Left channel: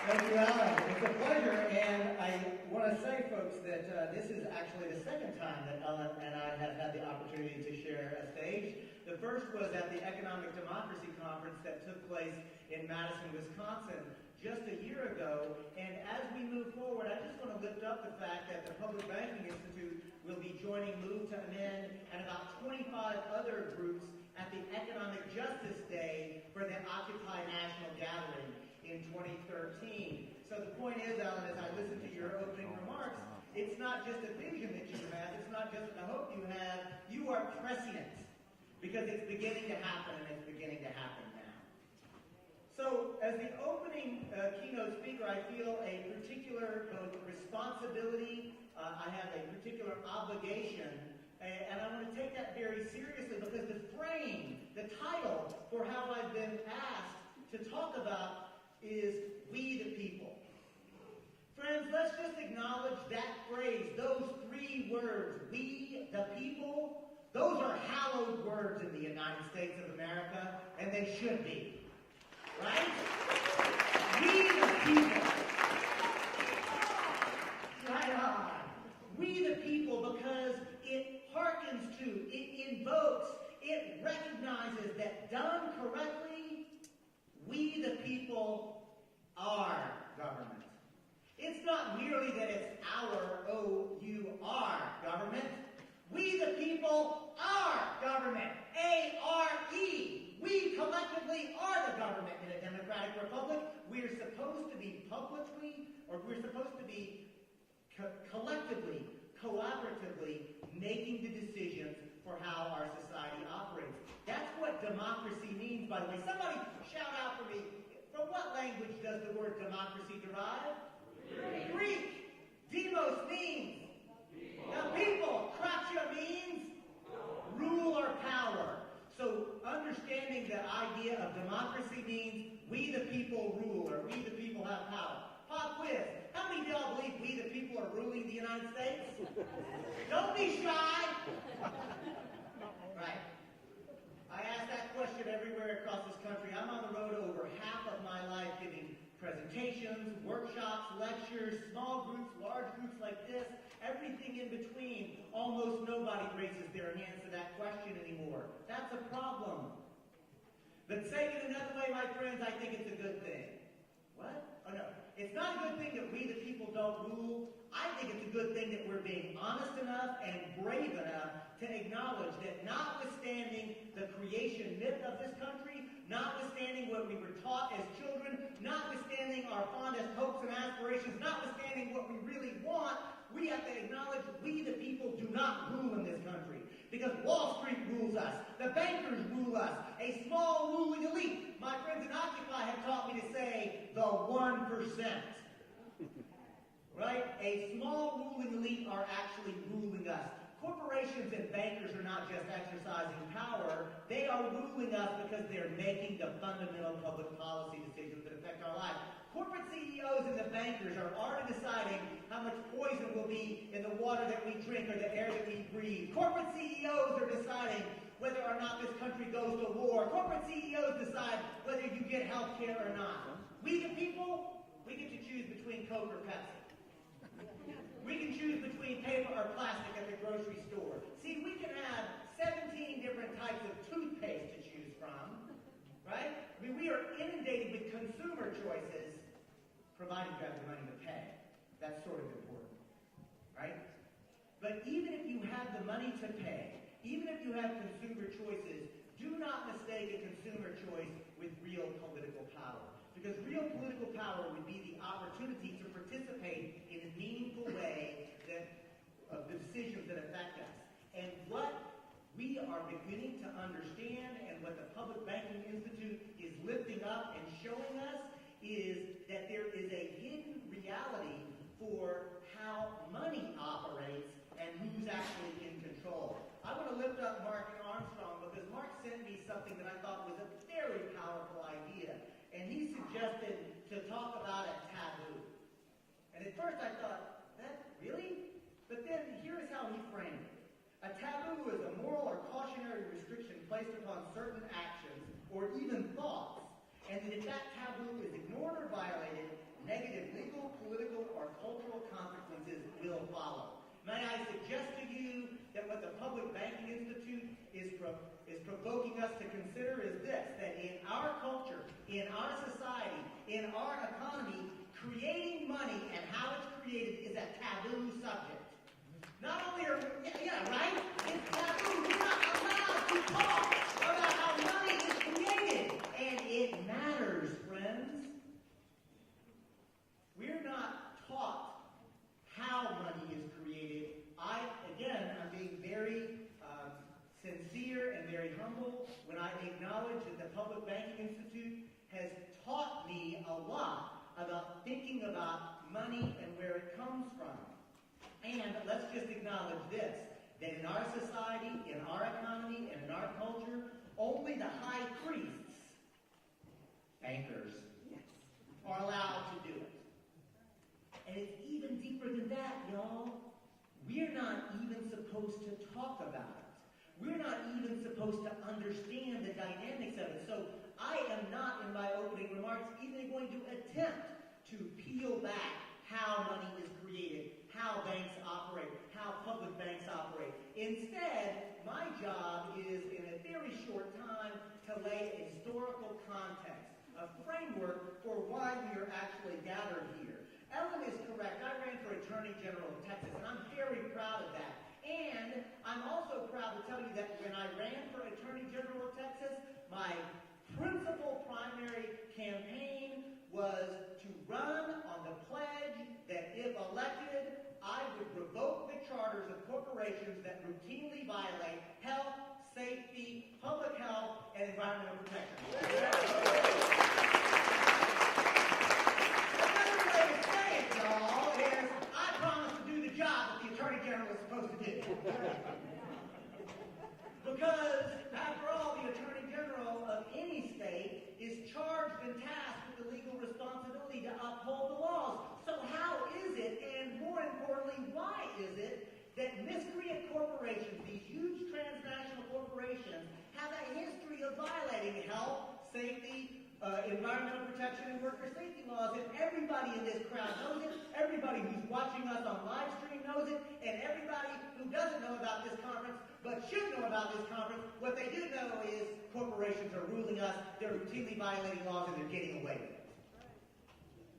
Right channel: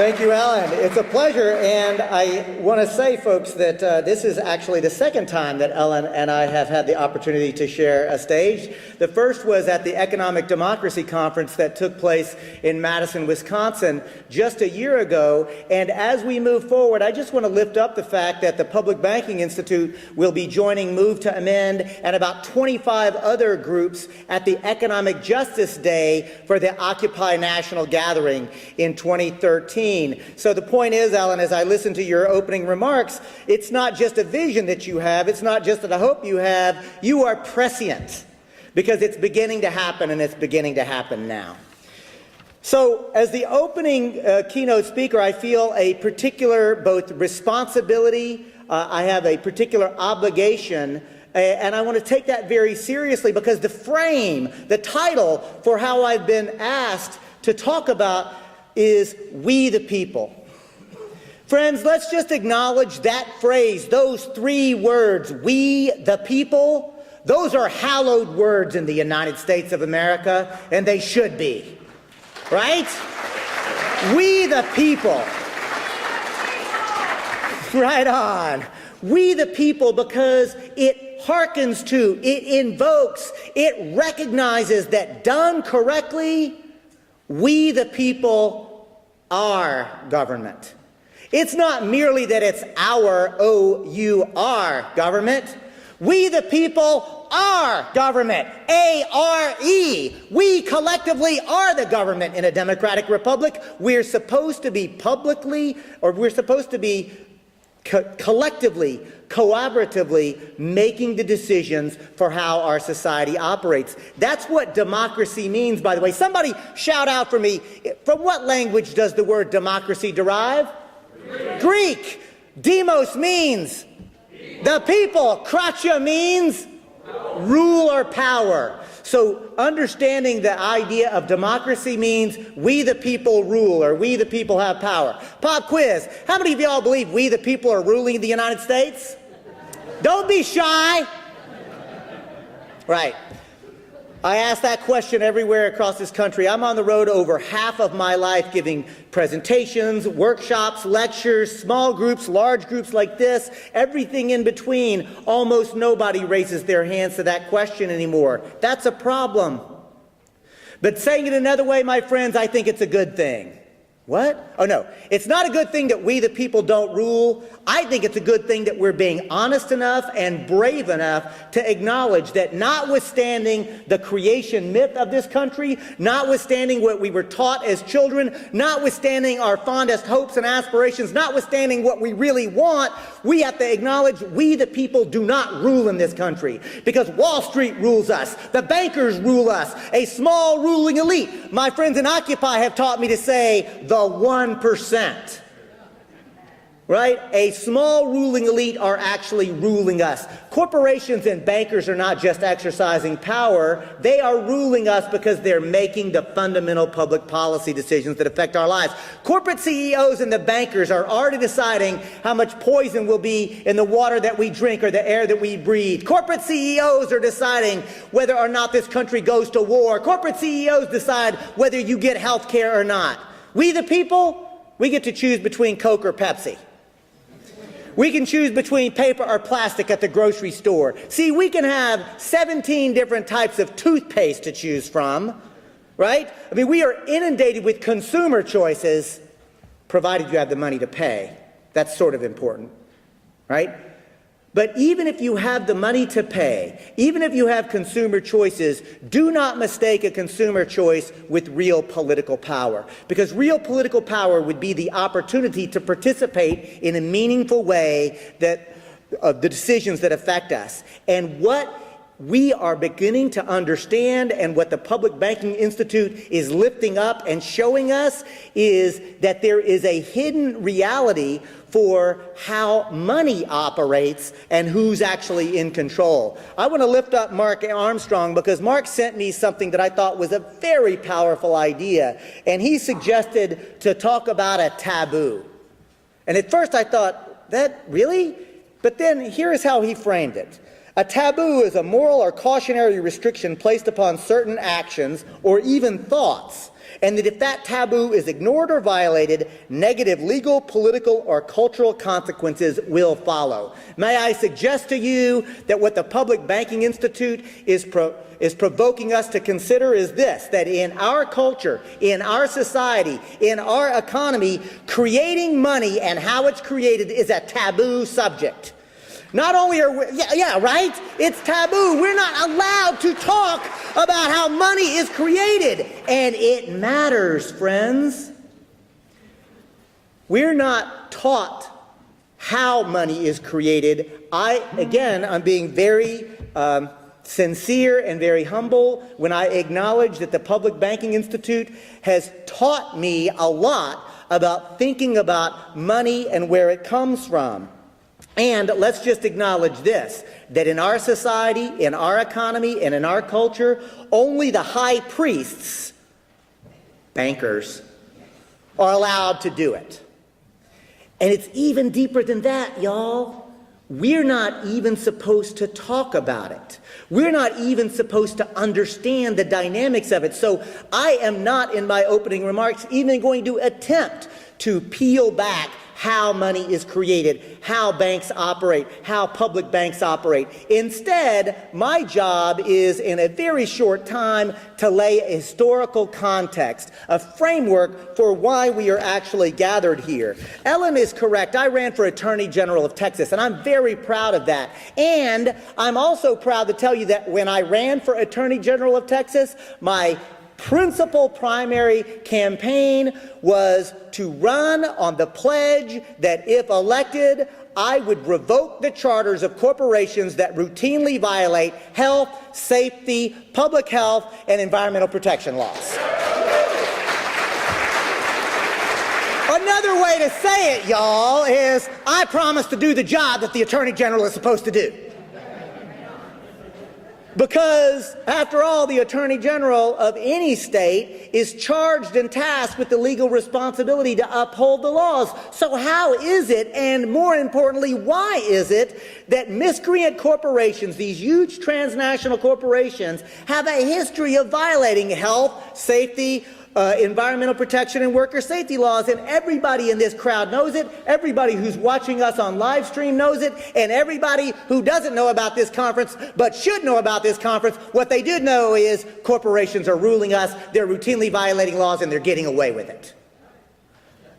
Thank you, Alan. It's a pleasure, and I want to say, folks, that this is actually the second time that Ellen and I have had the opportunity to share a stage. The first was at the Economic Democracy Conference that took place in Madison, Wisconsin, just a year ago, and as we move forward, I just want to lift up the fact that the Public Banking Institute will be joining Move to Amend and about 25 other groups at the Economic Justice Day for the Occupy National Gathering in 2013. So the point is, Alan, as I listen to your opening remarks, it's not just a vision that you have, it's not just a hope you have, you are prescient, because it's beginning to happen, and it's beginning to happen now. So as the opening keynote speaker, I feel a particular both responsibility, I have a particular obligation, and I want to take that very seriously, because the frame, the title for how I've been asked to talk about is "We the People." Friends, let's just acknowledge that phrase, those three words, "We the People." Those are hallowed words in the United States of America, and they should be, right? We the people. Right on. We the people, because it hearkens to, it invokes, it recognizes that done correctly, we the people are government. It's not merely that it's our O-U-R government. We the people are government. A-R-E. We collectively are the government in a democratic republic. We're supposed to be publicly, or we're supposed to be collectively, collaboratively making the decisions for how our society operates. That's what democracy means, by the way. Somebody shout out for me, from what language does the word democracy derive? Greek. Demos means the people. Kratia means rule or power. So understanding the idea of democracy means we the people rule, or we the people have power. Pop quiz. How many of y'all believe we the people are ruling the United States? Don't be shy. Right. I ask that question everywhere across this country. I'm on the road over half of my life giving presentations, workshops, lectures, small groups, large groups like this, everything in between. Almost nobody raises their hands to that question anymore. That's a problem. But saying it another way, my friends, I think it's a good thing. What? Oh, no. It's not a good thing that we the people don't rule. I think it's a good thing that we're being honest enough and brave enough to acknowledge that notwithstanding the creation myth of this country, notwithstanding what we were taught as children, notwithstanding our fondest hopes and aspirations, notwithstanding what we really want, we have to acknowledge we the people do not rule in this country, because Wall Street rules us, the bankers rule us, a small ruling elite. My friends in Occupy have taught me to say the 1%. Right? A small ruling elite are actually ruling us. Corporations and bankers are not just exercising power, they are ruling us because they're making the fundamental public policy decisions that affect our lives. Corporate CEOs and the bankers are already deciding how much poison will be in the water that we drink or the air that we breathe. Corporate CEOs are deciding whether or not this country goes to war. Corporate CEOs decide whether you get health care or not. We the people, we get to choose between Coke or Pepsi. We can choose between paper or plastic at the grocery store. See, we can have 17 different types of toothpaste to choose from, right? I mean, we are inundated with consumer choices, provided you have the money to pay. That's sort of important, right? But even if you have the money to pay, even if you have consumer choices, do not mistake a consumer choice with real political power. Because real political power would be the opportunity to participate in a meaningful way of the decisions that affect us. And what we are beginning to understand, and what the Public Banking Institute is lifting up and showing us, is that there is a hidden reality for how money operates and who's actually in control. I want to lift up Mark Armstrong, because Mark sent me something that I thought was a very powerful idea, and he suggested to talk about a taboo. And at first I thought, that really? But then here's how he framed it. A taboo is a moral or cautionary restriction placed upon certain actions or even thoughts, and that if that taboo is ignored or violated, negative legal, political, or cultural consequences will follow. May I suggest to you that what the Public Banking Institute is provoking us to consider is this, that in our culture, in our society, in our economy, creating money and how it's created is a taboo subject. Not only are we, right? It's taboo. We're not allowed to talk about how money is created. And it matters, friends. We're not taught how money is created. I'm being very sincere and very humble when I acknowledge that the Public Banking Institute has taught me a lot about thinking about money and where it comes from. And let's just acknowledge this, that in our society, in our economy, and in our culture, only the high priests, bankers, are allowed to do it. And it's even deeper than that, y'all. We're not even supposed to talk about it. We're not even supposed to understand the dynamics of it. So I am not, in my opening remarks, even going to attempt to peel back how money is created, how banks operate, how public banks operate. Instead, my job is, in a very short time, to lay a historical context, a framework for why we are actually gathered here. Ellen is correct. I ran for Attorney General of Texas, and I'm very proud of that. And I'm also proud to tell you that when I ran for Attorney General of Texas, my principal primary campaign was to run on the pledge that if elected, I would revoke the charters of corporations that routinely violate health, safety, public health, and environmental protection laws. Another way to say it, y'all, is I promise to do the job that the Attorney General is supposed to do. Because, after all, the Attorney General of any state is charged and tasked with the legal responsibility to uphold the laws. So how is it, and more importantly, why is it, that miscreant corporations, these huge transnational corporations, have a history of violating health, safety, environmental protection and worker safety laws, and everybody in this crowd knows it, everybody who's watching us on live stream knows it, and everybody who doesn't know about this conference but should know about this conference, what they do know is corporations are ruling us, they're routinely violating laws, and they're getting away with it.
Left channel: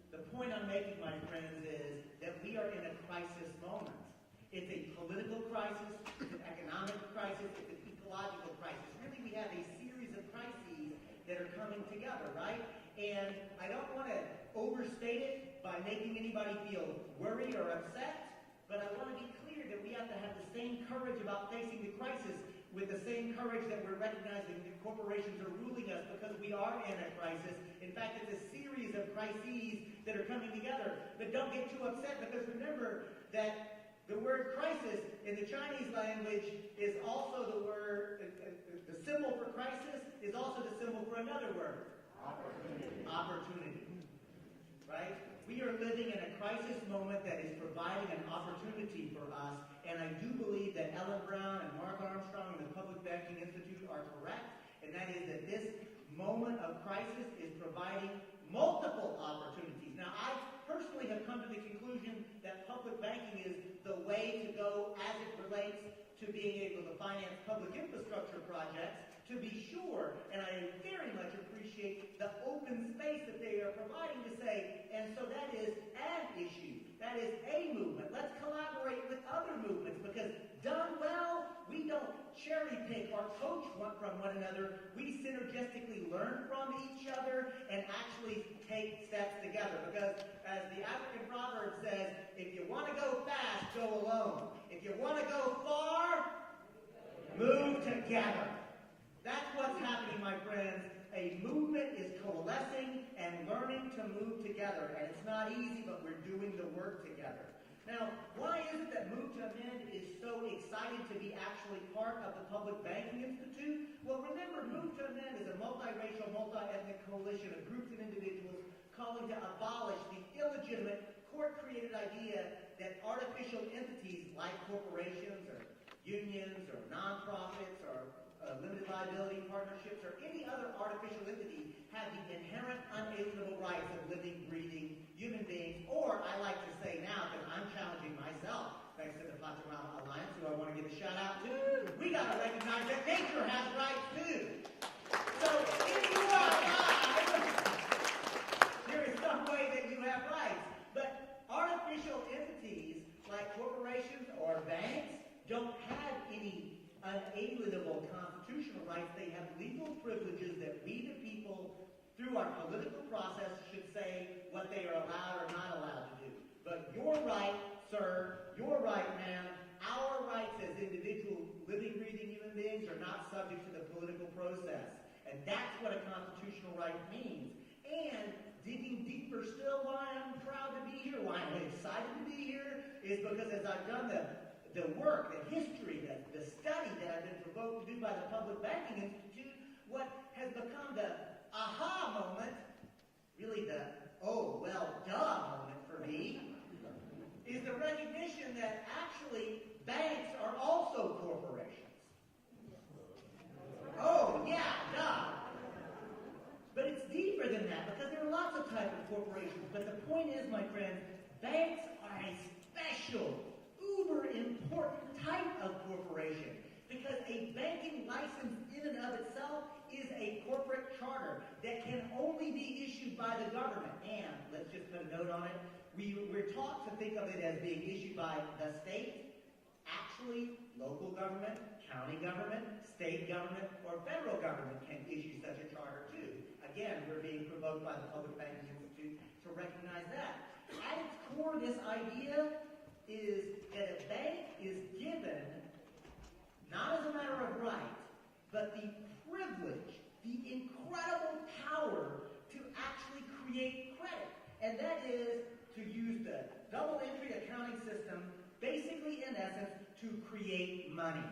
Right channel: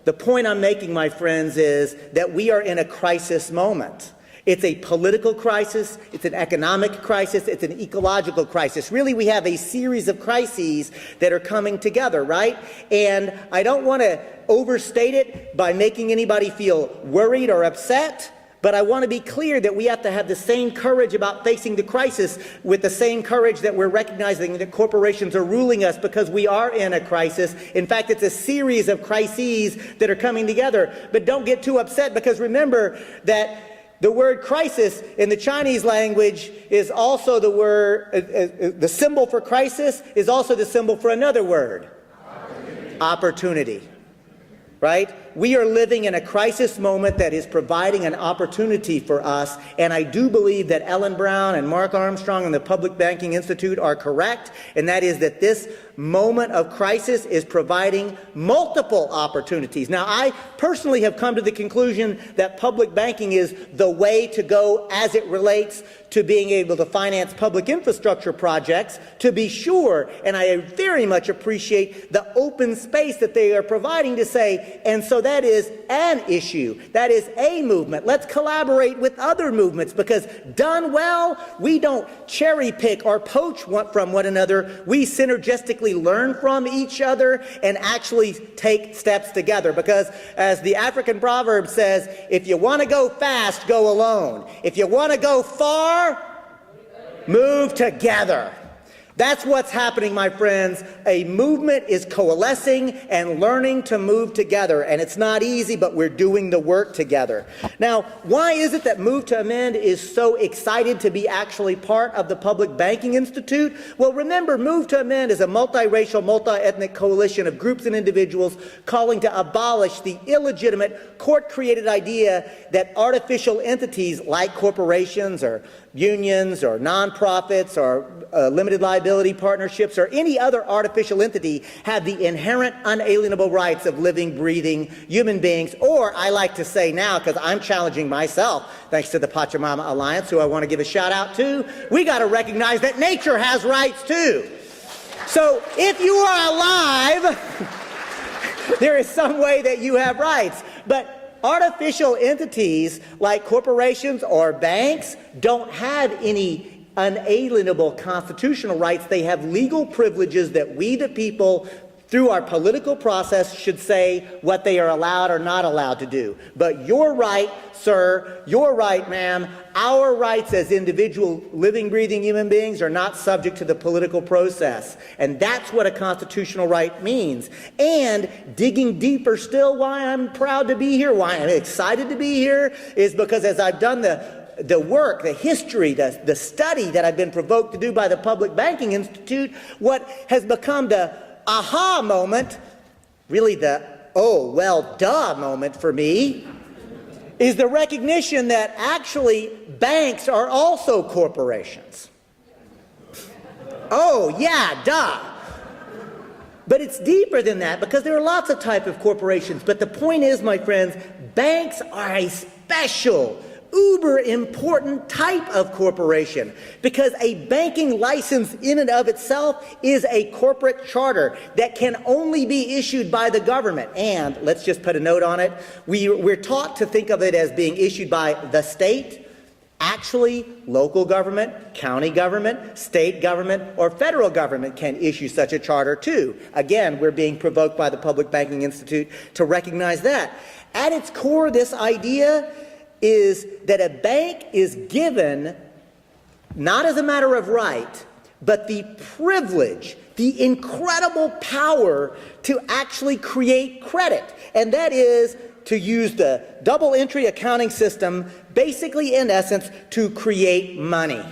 The point I'm making, my friends, is that we are in a crisis moment. It's a political crisis, it's an economic crisis, it's an ecological crisis. Really, we have a series of crises that are coming together, right? And I don't want to overstate it by making anybody feel worried or upset, but I want to be clear that we have to have the same courage about facing the crisis with the same courage that we're recognizing that corporations are ruling us, because we are in a crisis. In fact, it's a series of crises that are coming together. But don't get too upset, because remember that the word crisis in the Chinese language is also the word, the symbol for crisis is also the symbol for another word. Opportunity. Right? We are living in a crisis moment that is providing an opportunity for us, and I do believe that Ellen Brown and Mark Armstrong and the Public Banking Institute are correct, and that is that this moment of crisis is providing multiple opportunities. Now, I personally have come to the conclusion that public banking is the way to go as it relates to being able to finance public infrastructure projects, to be sure, and I very much appreciate the open space that they are providing to say, and so that is an issue, that is a movement. Let's collaborate with other movements, because done well, we don't cherry pick or poach from one another. We synergistically learn from each other and actually take steps together, because as the African proverb says, if you want to go fast, go alone. If you want to go far, move together. That's what's happening, my friends. A movement is coalescing and learning to move together, and it's not easy, but we're doing the work together. Now, why is it that Move to Amend is so excited to be actually part of the Public Banking Institute? Well, remember, Move to Amend is a multiracial, multi-ethnic coalition of groups and individuals calling to abolish the illegitimate, court-created idea that artificial entities like corporations or unions or nonprofits or limited liability partnerships or any other artificial entity have the inherent unalienable rights of living, breathing human beings, or I like to say now, because I'm challenging myself, thanks to the Pachamama Alliance, who I want to give a shout out to, we got to recognize that nature has rights too. So if you are alive, there is some way that you have rights. But artificial entities like corporations or banks don't have any unalienable constitutional rights. They have legal privileges that we, the people, through our political process, should say what they are allowed or not allowed to do. But your right, sir, your right, ma'am, our rights as individual living, breathing human beings are not subject to the political process. And that's what a constitutional right means. And digging deeper still, why I'm proud to be here, why I'm excited to be here, is because as I've done the work, the history, the study that I've been provoked to do by the Public Banking Institute, what has become the aha moment, really the oh, well, duh moment for me, is the recognition that actually banks are also corporations. Oh, yeah, duh. But it's deeper than that, because there are lots of types of corporations. But the point is, my friends, banks are a special, uber important type of corporation, because a banking license in and of itself is a corporate charter that can only be issued by the government. And let's just put a note on it. We're taught to think of it as being issued by the state. Actually, local government, county government, state government, or federal government can issue such a charter too. Again, we're being provoked by the Public Banking Institute to recognize that. At its core, this idea is that a bank is given, not as a matter of right, but the privilege, the incredible power to actually create credit. And that is to use the double entry accounting system, basically in essence, to create money.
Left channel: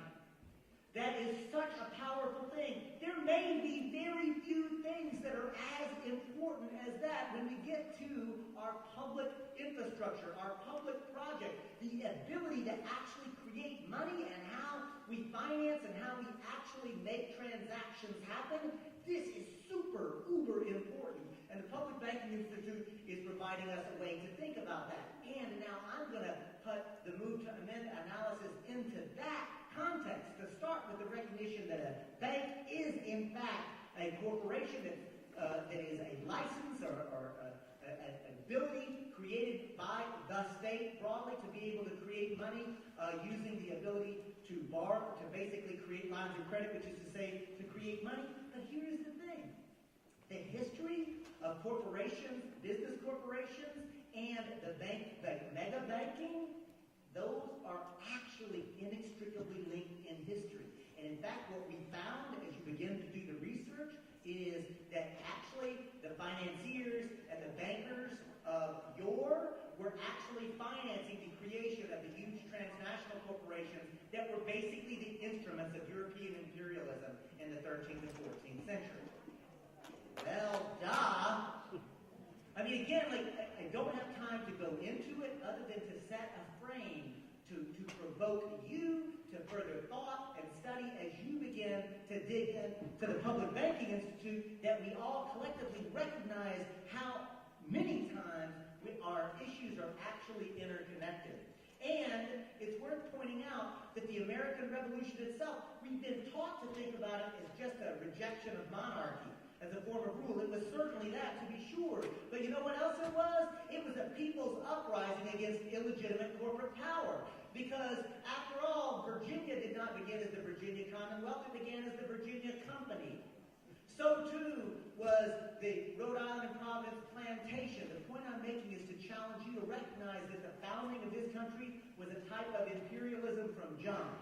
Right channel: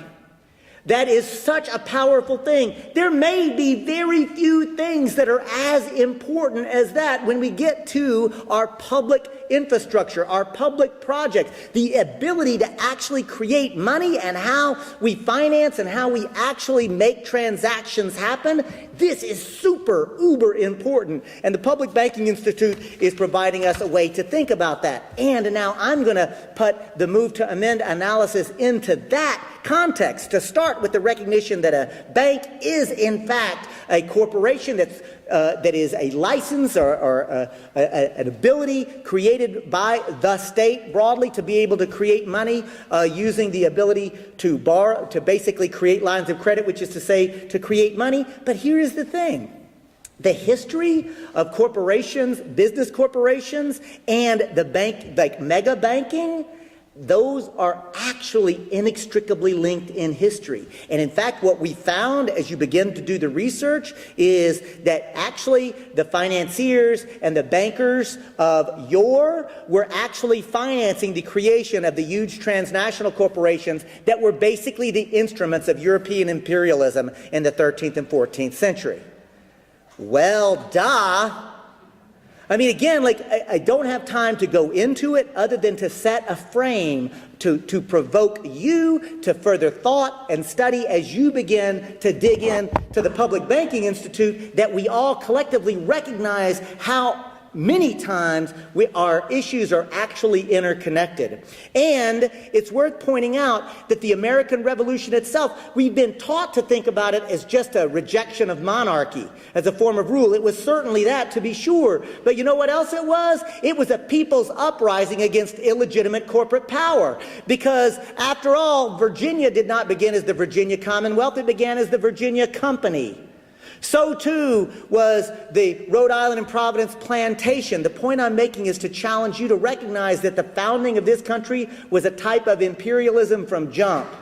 That is such a powerful thing. There may be very few things that are as important as that when we get to our public infrastructure, our public projects, the ability to actually create money and how we finance and how we actually make transactions happen. This is super, uber important. And the Public Banking Institute is providing us a way to think about that. And now I'm going to put the move to amend analysis into that context, to start with the recognition that a bank is in fact a corporation that is a license or an ability created by the state broadly to be able to create money using the ability to borrow, to basically create lines of credit, which is to say to create money. But here is the thing. The history of corporations, business corporations, and the bank, like mega banking, those are actually inextricably linked in history. And in fact, what we found as you begin to do the research is that actually the financiers and the bankers of yore were actually financing the creation of the huge transnational corporations that were basically the instruments of European imperialism in the 13th and 14th century. Well, duh. I mean, again, like, I don't have time to go into it other than to set a frame to provoke you to further thought and study as you begin to dig in to the Public Banking Institute, that we all collectively recognize how many times our issues are actually interconnected. And it's worth pointing out that the American Revolution itself, we've been taught to think about it as just a rejection of monarchy as a form of rule. It was certainly that, to be sure. But you know what else it was? It was a people's uprising against illegitimate corporate power. Because after all, Virginia did not begin as the Virginia Commonwealth. It began as the Virginia Company. So too was the Rhode Island and Providence plantation. The point I'm making is to challenge you to recognize that the founding of this country was a type of imperialism from jump,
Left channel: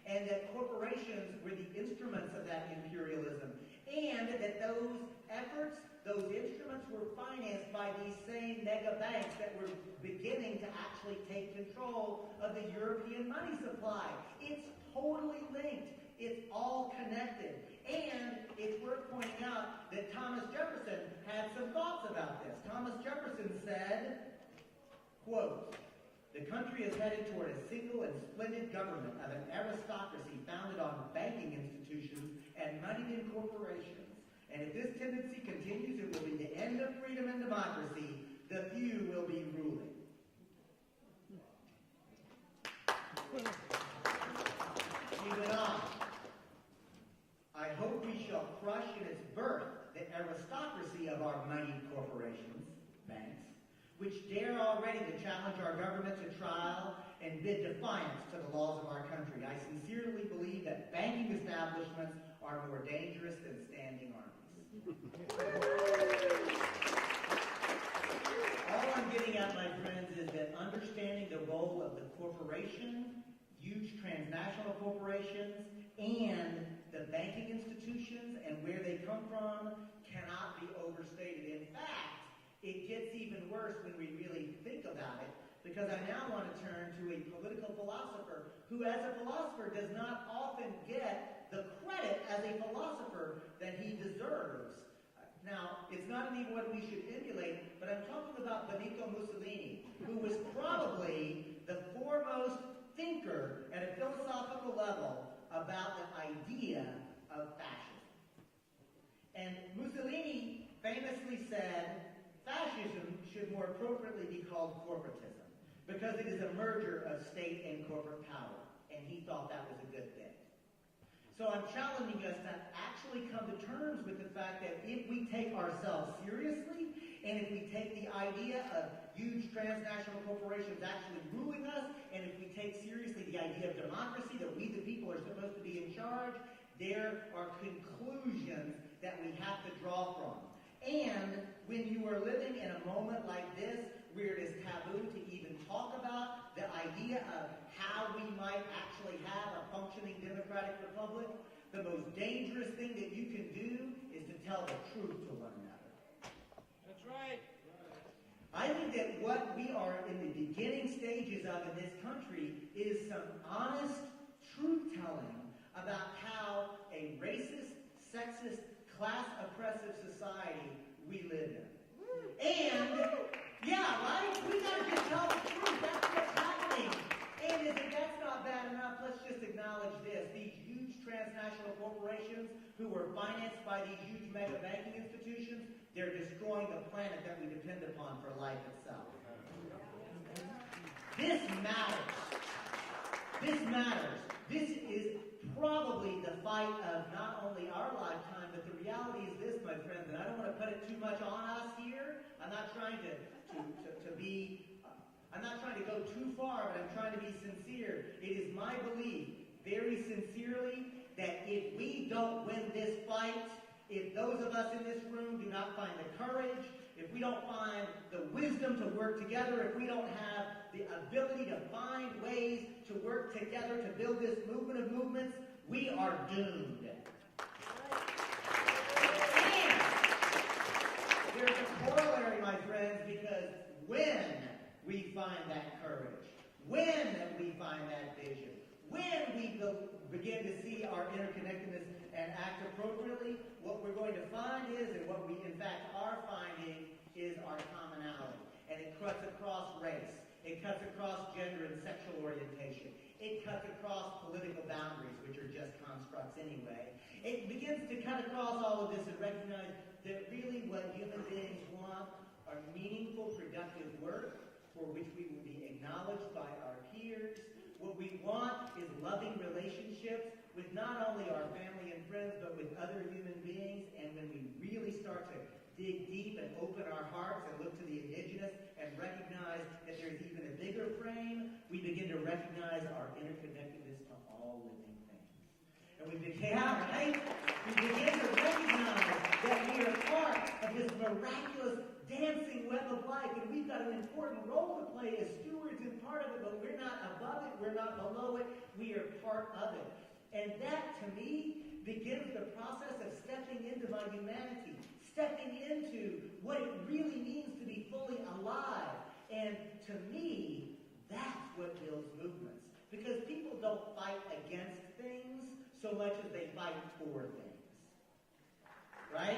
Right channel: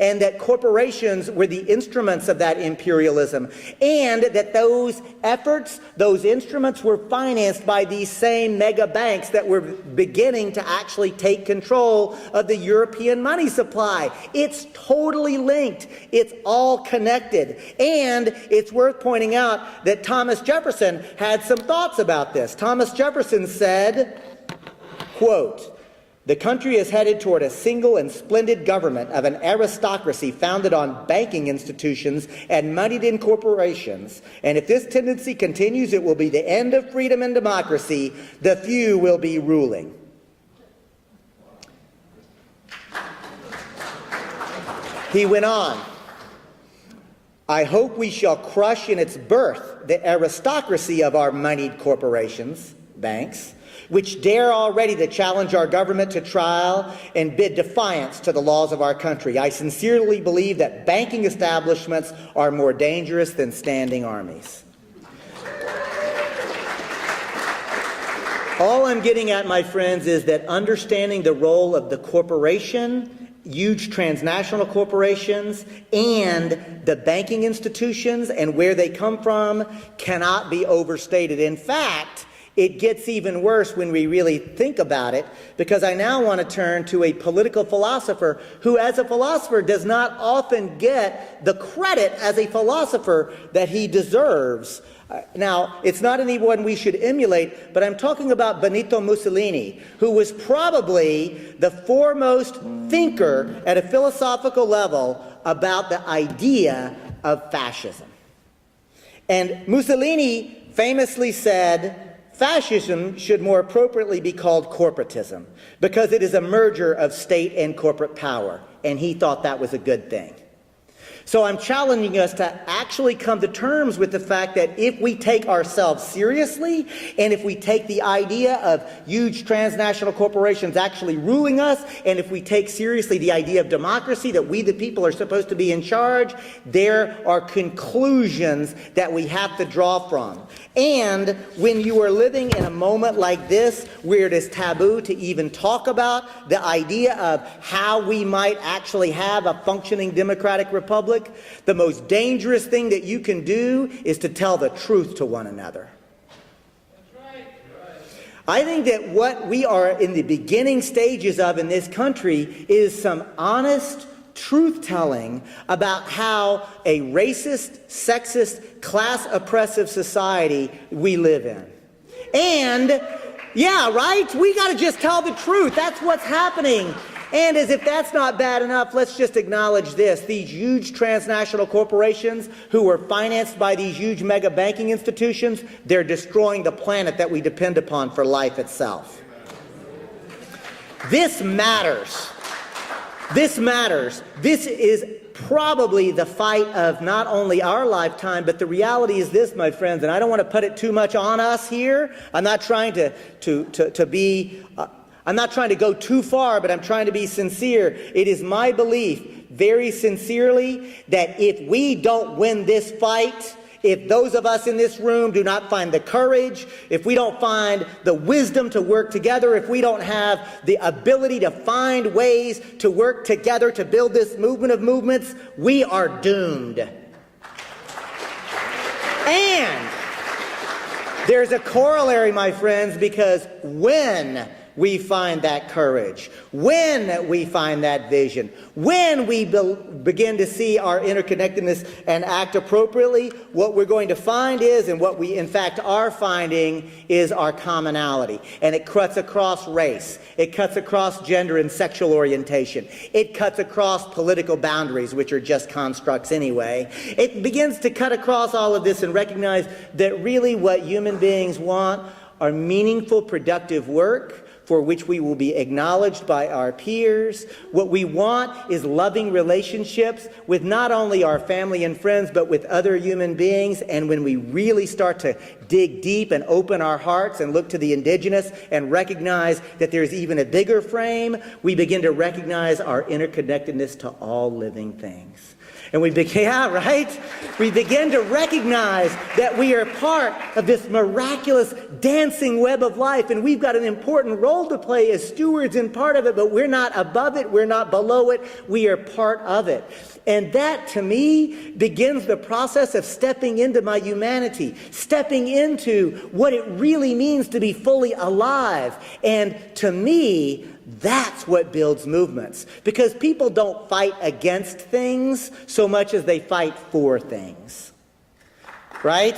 and that corporations were the instruments of that imperialism, and that those efforts, those instruments were financed by these same mega banks that were beginning to actually take control of the European money supply. It's totally linked. It's all connected. And it's worth pointing out that Thomas Jefferson had some thoughts about this. Thomas Jefferson said, quote, The country is headed toward a single and splendid government of an aristocracy founded on banking institutions and moneyed-in corporations. And if this tendency continues, it will be the end of freedom and democracy. The few will be ruling. He went on, I hope we shall crush in its birth the aristocracy of our moneyed corporations, banks, which dare already to challenge our government to trial and bid defiance to the laws of our country. I sincerely believe that banking establishments are more dangerous than standing armies. All I'm getting at, my friends, is that understanding the role of the corporation, huge transnational corporations, and the banking institutions and where they come from cannot be overstated. In fact, it gets even worse when we really think about it, because I now want to turn to a political philosopher who, as a philosopher, does not often get the credit as a philosopher that he deserves. Now, it's not anyone we should emulate, but I'm talking about Benito Mussolini, who was probably the foremost thinker at a philosophical level about the idea of fascism. And Mussolini famously said, fascism should more appropriately be called corporatism because it is a merger of state and corporate power, and he thought that was a good thing. So I'm challenging us to actually come to terms with the fact that if we take ourselves seriously, and if we take the idea of huge transnational corporations actually ruling us, and if we take seriously the idea of democracy, that we the people are supposed to be in charge, there are conclusions that we have to draw from. And when you are living in a moment like this, where it is taboo to even talk about the idea of how we might actually have a functioning democratic republic, the most dangerous thing that you can do is to tell the truth to one another. I think that what we are in the beginning stages of in this country is some honest truth-telling about how a racist, sexist, class-oppressive society we live in. And, yeah, right? We got to just tell the truth. That's what's happening. And as if that's not bad enough, let's just acknowledge this. These huge transnational corporations who are financed by these huge mega banking institutions, they're destroying the planet that we depend upon for life itself. This matters. This matters. This is probably the fight of not only our lifetime, but the reality is this, my friends, and I don't want to put it too much on us here. I'm not trying to go too far, but I'm trying to be sincere. It is my belief, very sincerely, that if we don't win this fight, if those of us in this room do not find the courage, if we don't find the wisdom to work together, if we don't have the ability to find ways to work together to build this movement of movements, we are doomed. And there's a corollary, my friends, because when we find that courage, when we find that vision, when we begin to see our interconnectedness and act appropriately, what we're going to find is, and what we in fact are finding, is our commonality. And it cuts across race. It cuts across gender and sexual orientation. It cuts across political boundaries, which are just constructs anyway. It begins to cut across all of this and recognize that really what human beings want are meaningful, productive work for which we will be acknowledged by our peers. What we want is loving relationships with not only our family and friends, but with other human beings. And when we really start to dig deep and open our hearts and look to the indigenous and recognize that there's even a bigger frame, we begin to recognize our interconnectedness to all living things. And we begin to recognize that we are part of this miraculous dancing web of life, and we've got an important role to play as stewards and part of it, but we're not above it, we're not below it, we are part of it. And that, to me, begins the process of stepping into my humanity, stepping into what it really means to be fully alive. And to me, that's what builds movements, because people don't fight against things so much as they fight for things, right?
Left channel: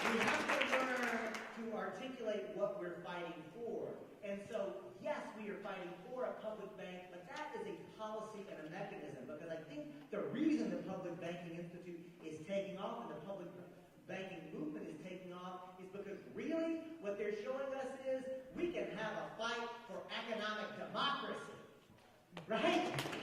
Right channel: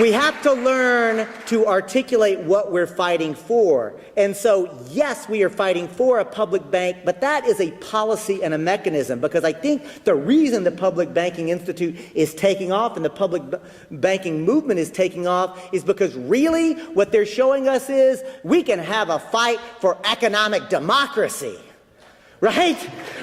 We have to learn to articulate what we're fighting for. And so, yes, we are fighting for a public bank, but that is a policy and a mechanism, because I think the reason the Public Banking Institute is taking off and the public banking movement is taking off is because really what they're showing us is we can have a fight for economic democracy. Right?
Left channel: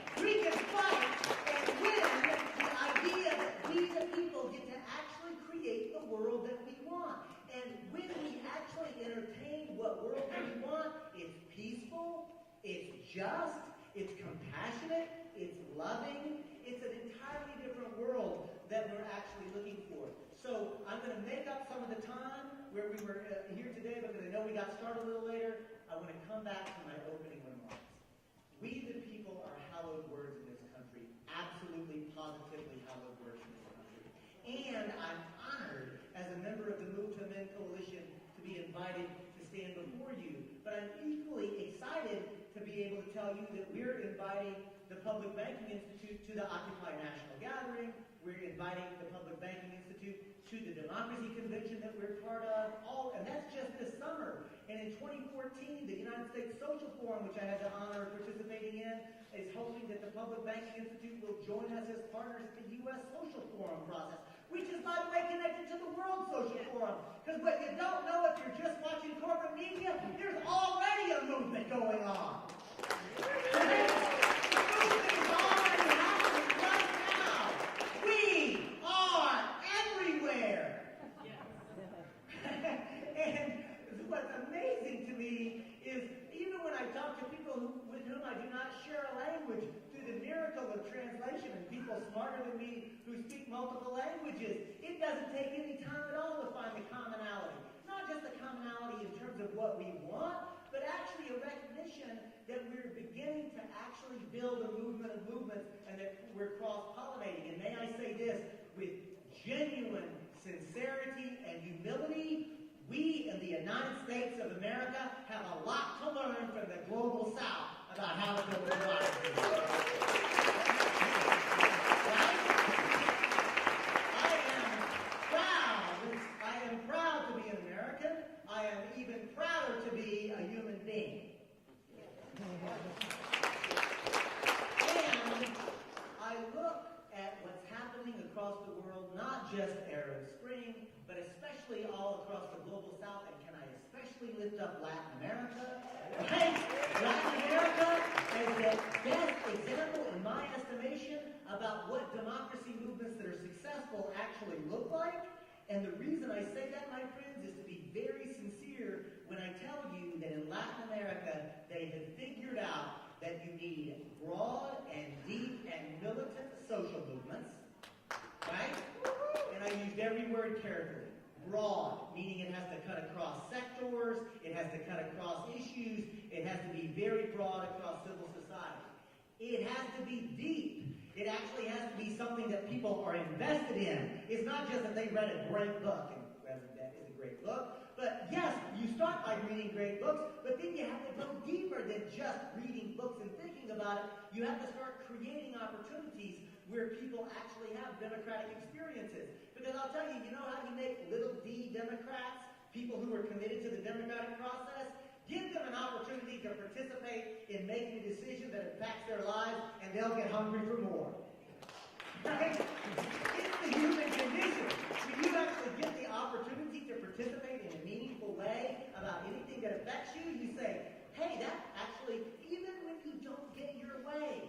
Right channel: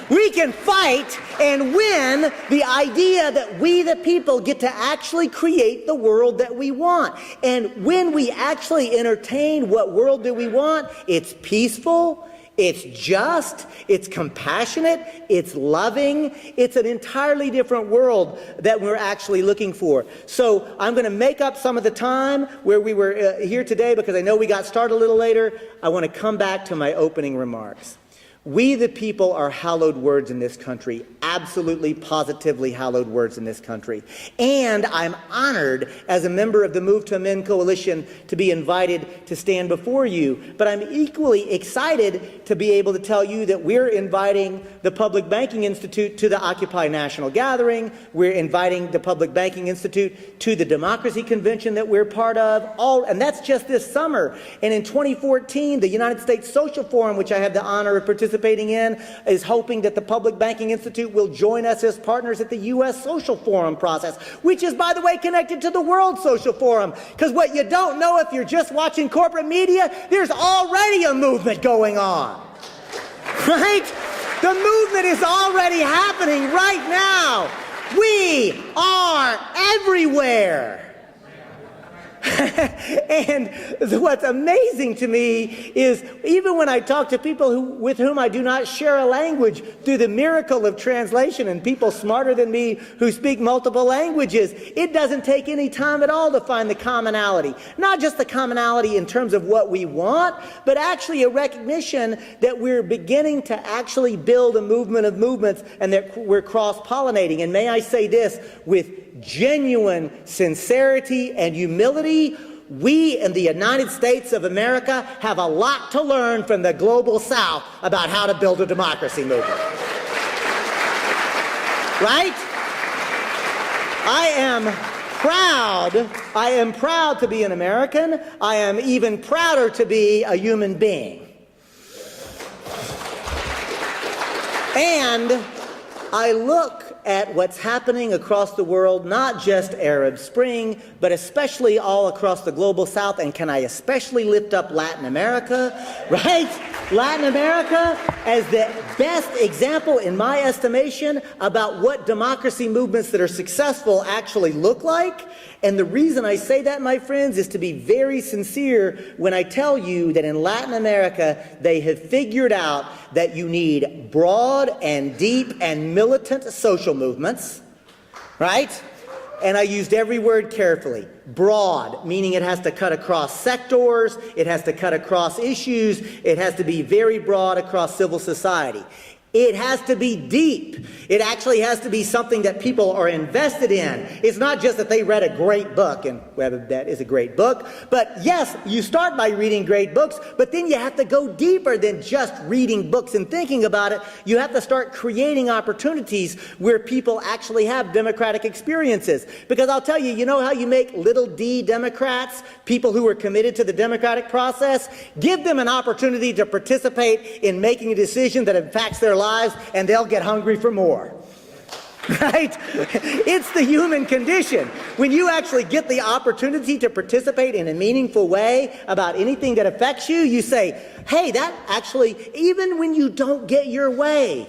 We can fight and win the idea that we, the people, get to actually create the world that we want. And when we actually entertain what world do we want, it's peaceful, it's just, it's compassionate, it's loving, it's an entirely different world that we're actually looking for. So I'm going to make up some of the time where we were here today because I know we got started a little later. I want to come back to my opening remarks. We, the people, are hallowed words in this country, absolutely, positively hallowed words in this country. And I'm honored as a member of the Move to Amend Coalition to be invited to stand before you. But I'm equally excited to be able to tell you that we're inviting the Public Banking Institute to the Occupy National Gathering. We're inviting the Public Banking Institute to the Democracy Convention that we're part of. And that's just this summer. And in 2014, the United States Social Forum, which I have the honor of participating in, is hoping that the Public Banking Institute will join us as partners at the U.S. Social Forum process, which is, by the way, connected to the World Social Forum. Because what you don't know if you're just watching corporate media, there's already a movement going on. Right? The movement is already happening right now. We are everywhere. And what's amazing to me is even when I talk to people with whom I do not share a language, through the miracle of translation and people smarter than me who speak multiple languages, it doesn't take any time at all to find the commonality. Not just the commonality in terms of what we want, but actually a recognition that we're beginning to actually build a movement of movements and that we're cross-pollinating. And may I say this with genuine sincerity and humility, we in the United States of America have a lot to learn from the global South about how to build a democracy movement. Right? I am proud to be an American. I am even prouder to be a human being. And I look at what's happening across the world, not just Arab Spring, but especially all across the global South. And can I especially lift up Latin America, right? Latin America as the best example, in my estimation, about what democracy movements that are successful actually look like. And the reason I say that, my friends, is to be very sincere when I tell you that in Latin America, they have figured out that you need broad and deep and militant social movements, right? And I used every word carefully. Broad, meaning it has to cut across sectors, it has to cut across issues, it has to be very broad across civil society. It has to be deep. It actually has to be something that people are invested in. It's not just that they read a great book, and whether that is a great book, but yes, you start by reading great books, but then you have to go deeper than just reading books and thinking about it. You have to start creating opportunities where people actually have democratic experiences. Because I'll tell you, you know how you make little d Democrats, people who are committed to the democratic process? Give them an opportunity to participate in making a decision that impacts their lives, and they'll get hungry for more. Right? It's the human condition. When you actually get the opportunity to participate in a meaningful way about anything that affects you, you say, hey, that actually, even when you don't get your way,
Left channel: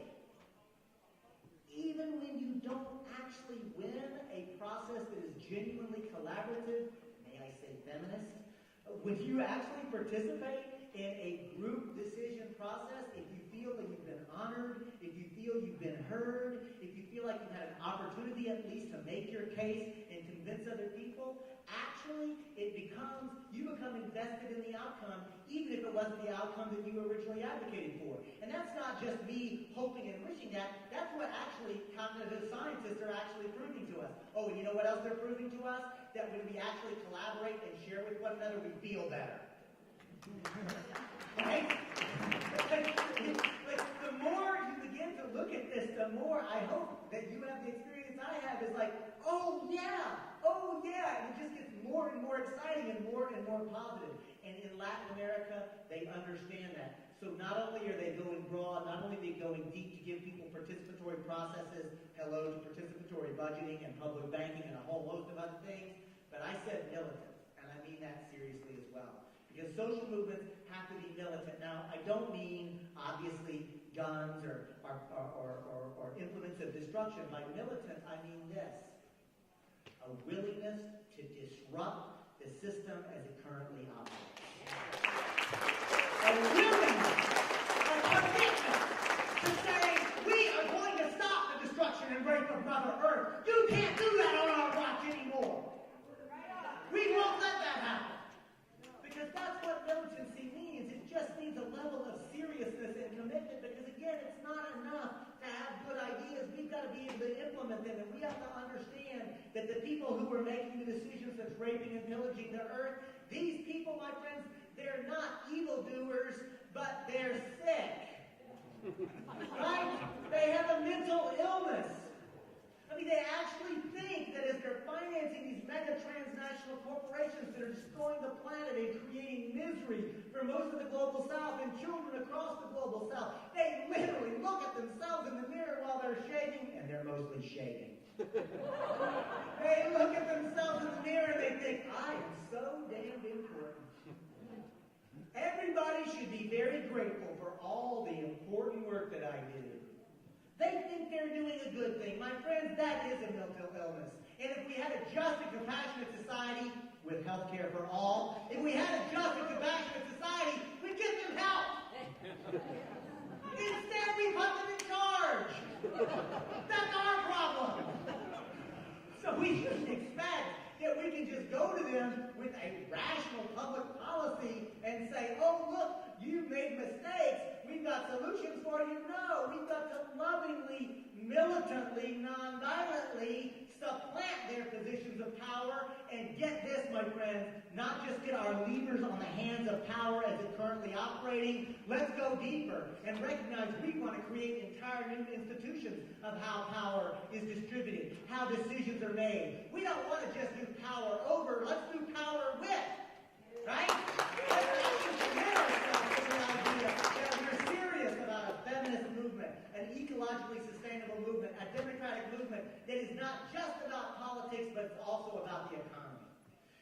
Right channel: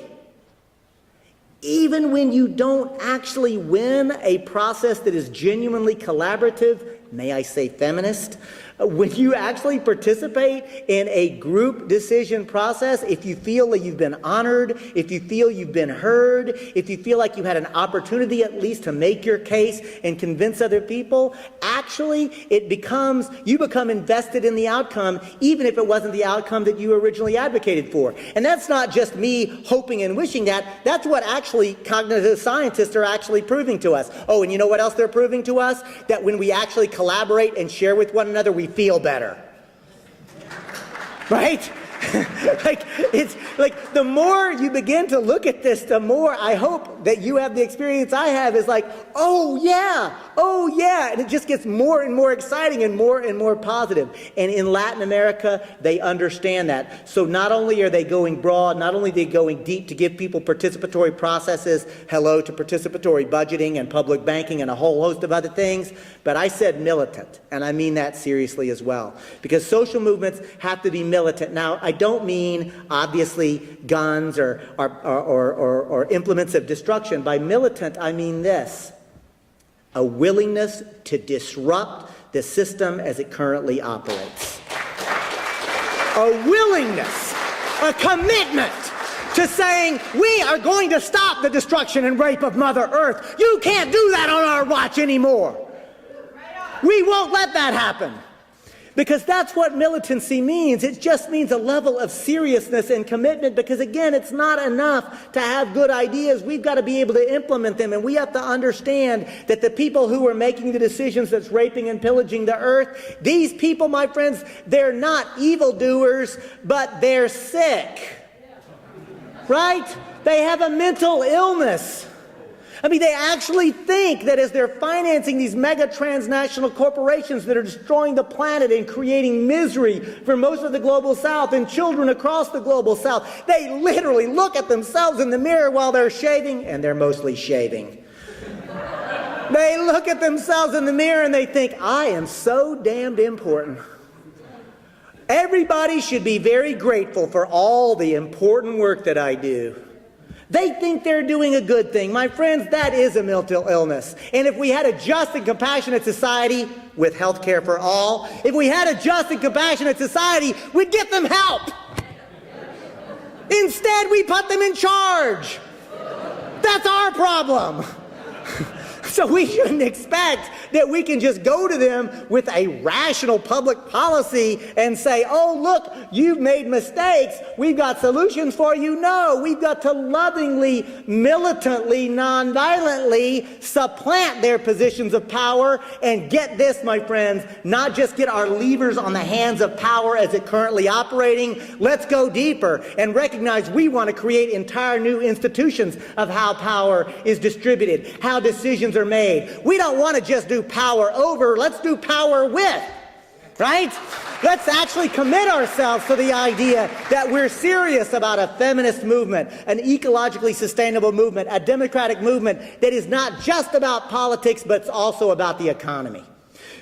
even when you don't actually win a process that is genuinely collaborative, may I say feminist, when you actually participate in a group decision process, if you feel that you've been honored, if you feel you've been heard, if you feel like you had an opportunity at least to make your case and convince other people, actually you become invested in the outcome, even if it wasn't the outcome that you originally advocated for. And that's not just me hoping and wishing that. That's what actually cognitive scientists are actually proving to us. Oh, and you know what else they're proving to us? That when we actually collaborate and share with one another, we feel better. Right? It's like the more you begin to look at this, the more I hope that you have the experience I have is like, oh yeah, and it just gets more and more exciting and more positive. And in Latin America, they understand that. So not only are they going broad, not only are they going deep to give people participatory processes, hello to participatory budgeting and public banking and a whole host of other things, but I said militant, and I mean that seriously as well. Because social movements have to be militant. Now, I don't mean, obviously, guns or implements of destruction. By militant, I mean this: a willingness to disrupt the system as it currently operates. A willingness, a commitment to saying, we are going to stop the destruction and rape of Mother Earth. You can't do that on our watch anymore. We won't let that happen. Because that's what militancy means. It just means a level of seriousness and commitment, because again, it's not enough to have good ideas. We've got to be able to implement them, and we have to understand that the people who are making the decisions that's raping and pillaging the earth, these people, my friends, they're not evildoers, but they're sick. Right? They have a mental illness. I mean, they actually think that as they're financing these mega transnational corporations that are destroying the planet and creating misery for most of the global south and children across the global south, they literally look at themselves in the mirror while they're shaving, and they're mostly shaving. They look at themselves in the mirror and they think, I am so damned important. Everybody should be very grateful for all the important work that I do. They think they're doing a good thing. My friends, that is a mental illness. And if we had a just and compassionate society with health care for all, if we had a just and compassionate society, we'd get them help. Instead, we put them in charge. That's our problem. So we shouldn't expect that we can just go to them with a rational public policy and say, oh, look, you've made mistakes. We've got solutions for you. No, we've got to lovingly, militantly, nonviolently supplant their positions of power and get this, my friends, not just get our levers on the hands of power as it currently operating. Let's go deeper and recognize we want to create entire new institutions of how power is distributed, how decisions are made. We don't want to just do power over, let's do power with, right? Let's actually commit ourselves to the idea that we're serious about a feminist movement, an ecologically sustainable movement, a democratic movement that is not just about politics, but it's also about the economy.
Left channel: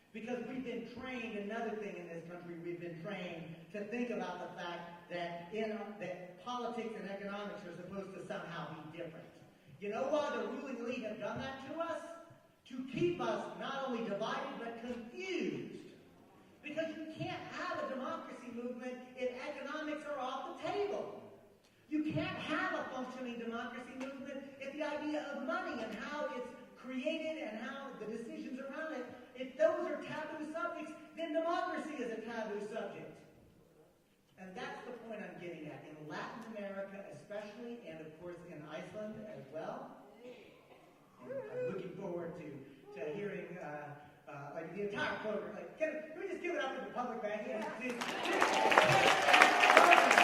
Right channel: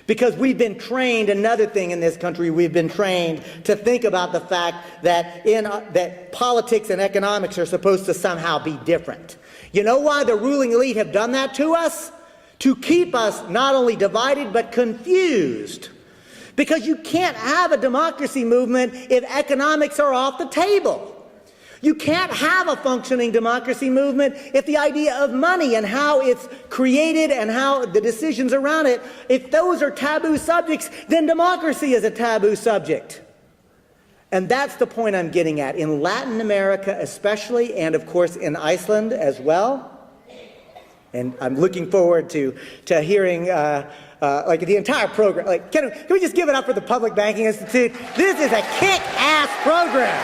Because we've been trained, another thing in this country, we've been trained to think about the fact that, that politics and economics are supposed to somehow be different. You know why the ruling elite have done that to us? To keep us not only divided, but confused. Because you can't have a democracy movement if economics are off the table. You can't have a functioning democracy movement if the idea of money and how it's created and how the decisions around it, if those are taboo subjects, then democracy is a taboo subject. And that's the point I'm getting at. In Latin America especially, and of course in Iceland as well, and I'm looking forward to hearing like the entire program. Like, can we just give it up for the Public Banking Institute? This is a kick-ass program,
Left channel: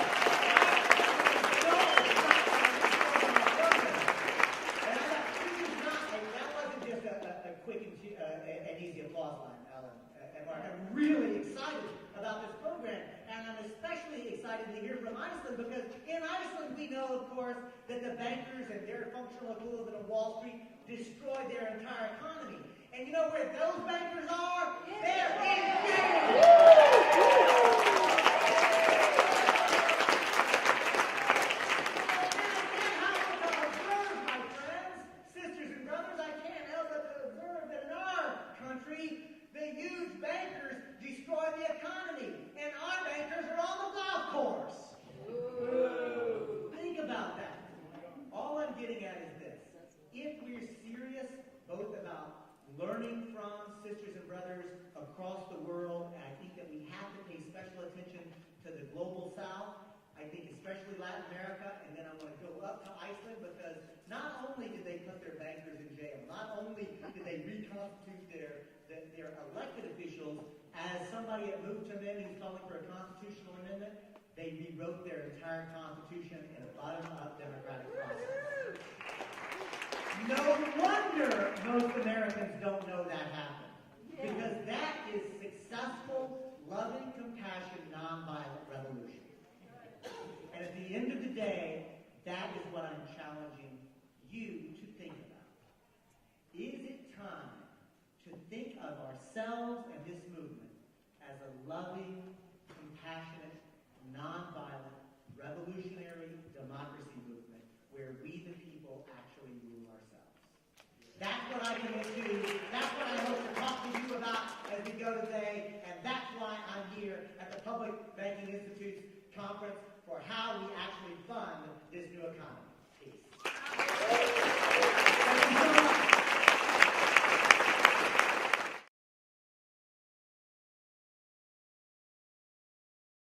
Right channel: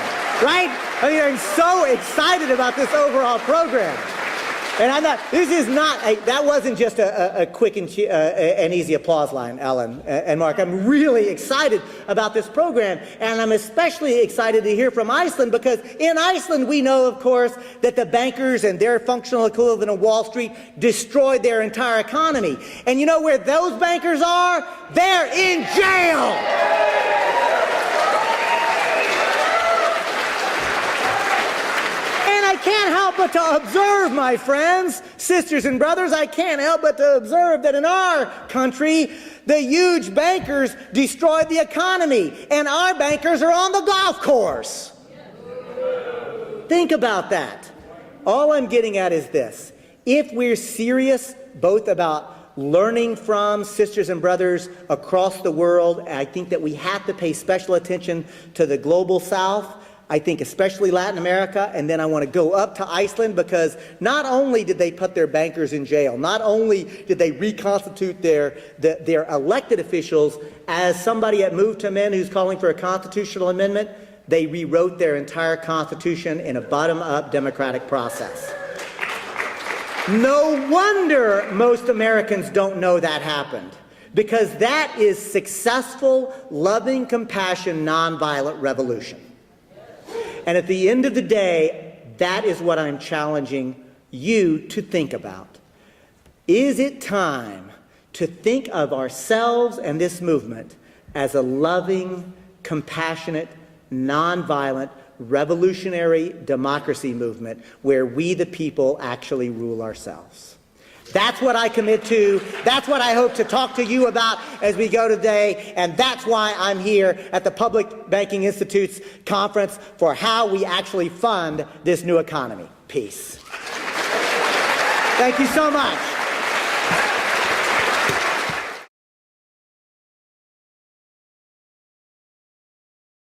right? I mean, I'm so excited about this overall program. And I'm not, this is not, that wasn't just a quick and easy applause line, Ellen and Mark. I'm really excited about this program, and I'm especially excited to hear from Iceland, because in Iceland we know, of course, that the bankers and their functional equivalent of Wall Street destroyed their entire economy. And you know where those bankers are? They're in jail! Can't help but to observe, my friends, sisters and brothers, I can't help but to observe that in our country, the huge bankers destroyed the economy, and our bankers are on the golf course. Think about that. All I'm getting at is this. If we're serious both about learning from sisters and brothers across the world, I think that we have to pay special attention to the global south. I think especially Latin America, and then I want to go up to Iceland, because not only did they put their bankers in jail, not only did they reconstitute their elected officials, as somebody at Move to Men who's calling for a constitutional amendment, They rewrote their entire Constitution in a bottom-up democratic process. No wonder most Americans don't know that happened, because that is successful, loving, compassion, nonviolent revolution. And at the end of the day, that is what I'm challenging you to think about. Is it time to think of ourselves and this movement as a loving, compassionate, nonviolent, revolutionary democracy movement where we, the people, actually rule ourselves? That's what I commit to. That's what I hope to talk to you about as we go today. And that's why I'm here at the Public Banking Institute's conference for how we actually fund this new economy. Peace. Thank you so much.